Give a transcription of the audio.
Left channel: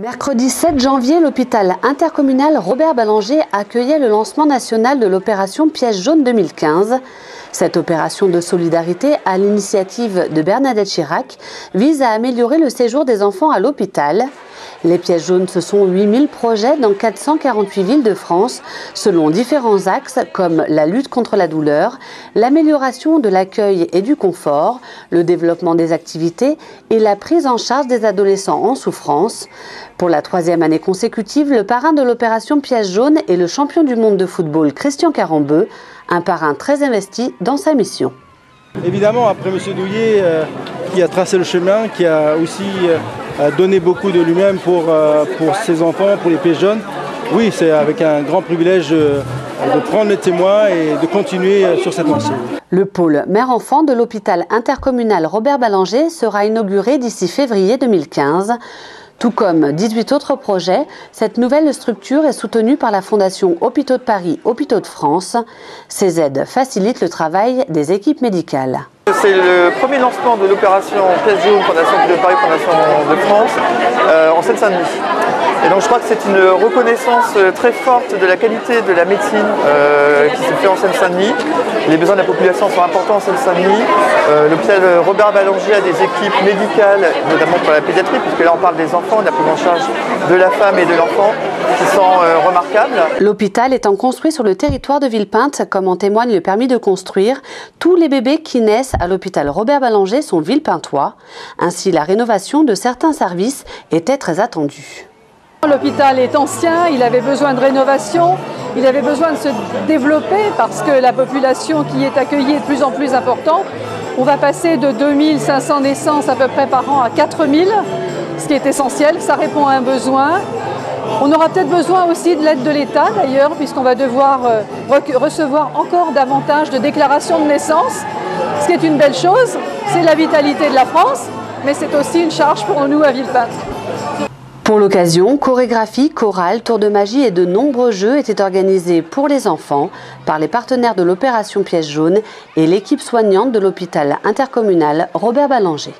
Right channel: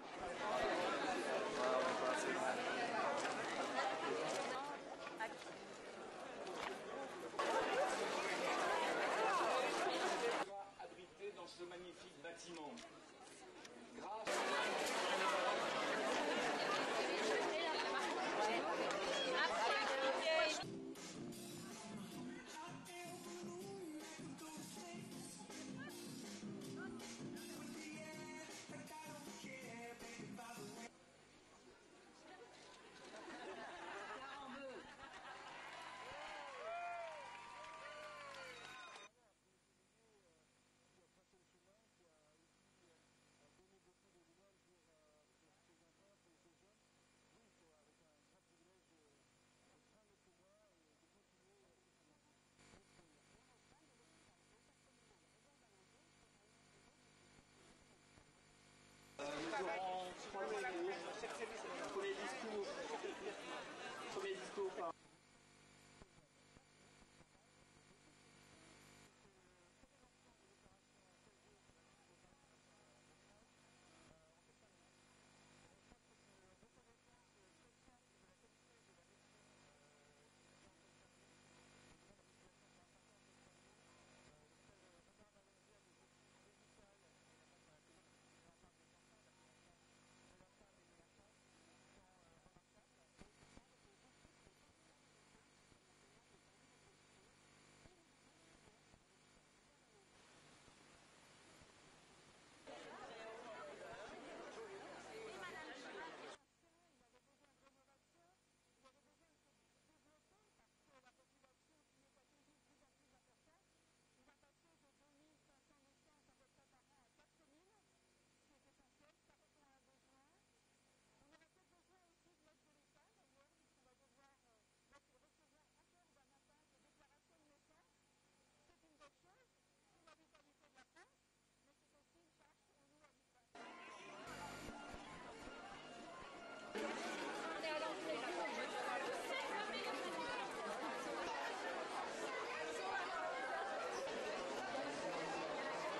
Mercredi 7 janvier, l'hôpital intercommunal Robert Ballanger accueillait le lancement national de l'opération Pièce jaune 2015. Cette opération de solidarité à l'initiative de Bernadette Chirac vise à améliorer le séjour des enfants à l'hôpital. Les pièces jaunes, ce sont 8000 projets dans 448 villes de France, selon différents axes comme la lutte contre la douleur, l'amélioration de l'accueil et du confort, le développement des activités et la prise en charge des adolescents en souffrance. Pour la 3e année consécutive, le parrain de l'opération Pièce jaune est le champion du monde de football Christian Carambeu, un parrain très investi dans sa mission. Évidemment, après M. Douillet, qui a tracé le chemin, qui a aussi donné beaucoup de lui-même pour ses enfants, pour les pièces jaunes, oui, c'est avec un grand privilège de prendre les témoins et de continuer sur cette lancée. Le pôle mère-enfant de l'hôpital intercommunal Robert Ballanger sera inauguré d'ici février 2015. Tout comme 18 autres projets, cette nouvelle structure est soutenue par la Fondation Hôpitaux de Paris, Hôpitaux de France. Ces aides facilitent le travail des équipes médicales. C'est le premier lancement de l'opération Pièce jaune, Fondation Hôpitaux de Paris, Fondation de France, en Seine-Saint-Denis. Et donc je crois que c'est une reconnaissance très forte de la qualité de la médecine qui se fait en Seine-Saint-Denis. Les besoins de la population sont importants en Seine-Saint-Denis. L'hôpital Robert Ballanger a des équipes médicales, notamment pour la pédiatrie, puisque là on parle des enfants, de la prise en charge de la femme et de l'enfant, qui sont remarquables. L'hôpital étant construit sur le territoire de Villepinte, comme en témoigne le permis de construire, tous les bébés qui naissent à l'hôpital Robert Ballanger sont villepintois. Ainsi, la rénovation de certains services était très attendue. L'hôpital est ancien, il avait besoin de rénovation, il avait besoin de se développer parce que la population qui est accueillie est de plus en plus importante. On va passer de 2500 naissances à peu près par an à 4000, ce qui est essentiel, ça répond à un besoin. On aura peut-être besoin aussi de l'aide de l'État d'ailleurs, puisqu'on va devoir recevoir encore davantage de déclarations de naissance, ce qui est une belle chose. C'est la vitalité de la France, mais c'est aussi une charge pour nous à Villepinte. Pour l'occasion, chorégraphie, chorale, tour de magie et de nombreux jeux étaient organisés pour les enfants par les partenaires de l'opération Pièce jaune et l'équipe soignante de l'hôpital intercommunal Robert Ballanger.